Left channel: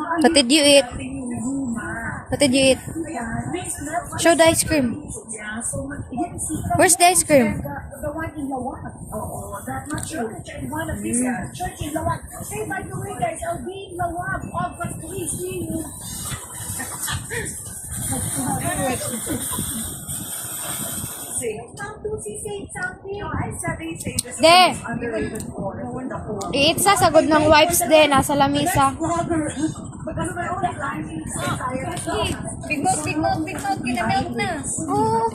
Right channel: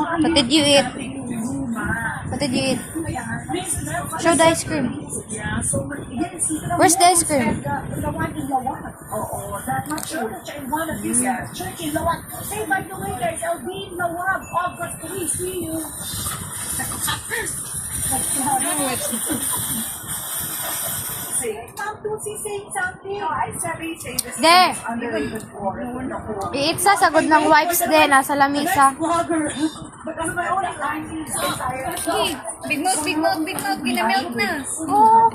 What did you eat? What did you eat? Show the ice cream. Where's the ice cream? The one in Lawak. Oo, that much sure that you're in one of these church in Lawak. Hey, by the way, guys, I'll be in Lawak August 3. See you. De! I-eat sa sagod ng wipes de, nasa lamisa. Big mouth, big mouth, big mouth. Ginamilk na. Oh.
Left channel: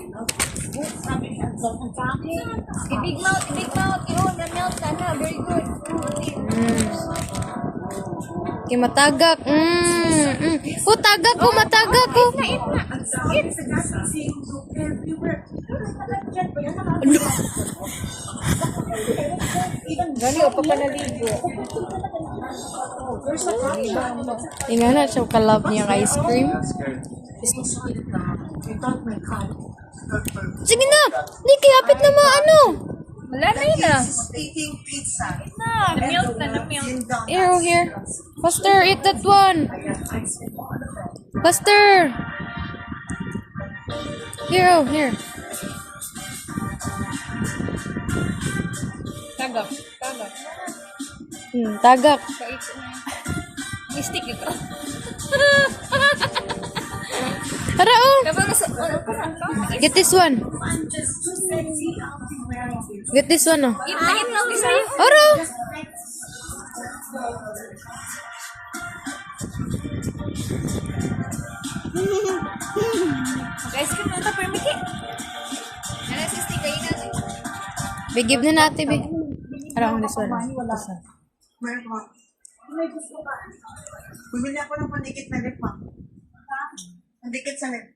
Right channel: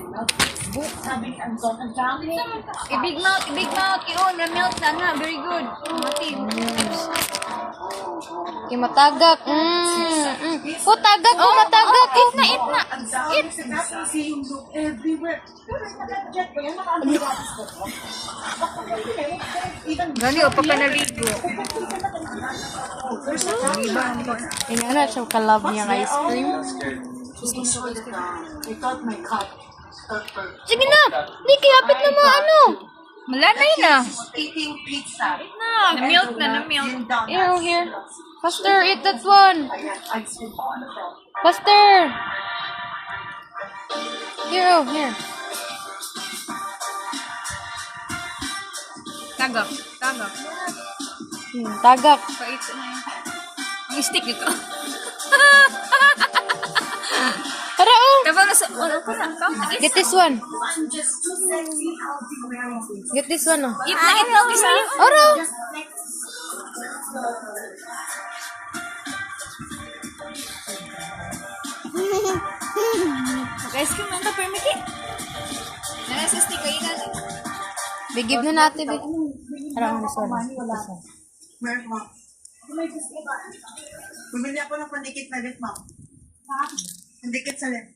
Big mouth, big mouth. Yun, na-milk na na. Very good. Mati. Kimatagak. Oh, tagak ko, matagak ko. Eat na, eat na. Eat. Gani, o pa ka naligo. Tingnan na siya kalab niya ng ice cream. Sige na! Di, kayapit na mga ano. Wala na yun ah. Eating pizza. Na, na-milk na, na-milk. Here. Faster, eat that one. Faster. Here. Tagak, tagak. Tagak. Pait na yun. Ang stick ito. Tara, oh. Diba nasa, ano ka na? Get this one. Get this one, oh. Eat na, eat na. Isa. Oro. Mag-ice cream na ito, permiki. Nana sa stick, kayo natin. Bigib na natin, big. Tara, this one. This one. Meron mo. Bumili ako ng pandikit na lip, ma'am. Pandikit sa lip.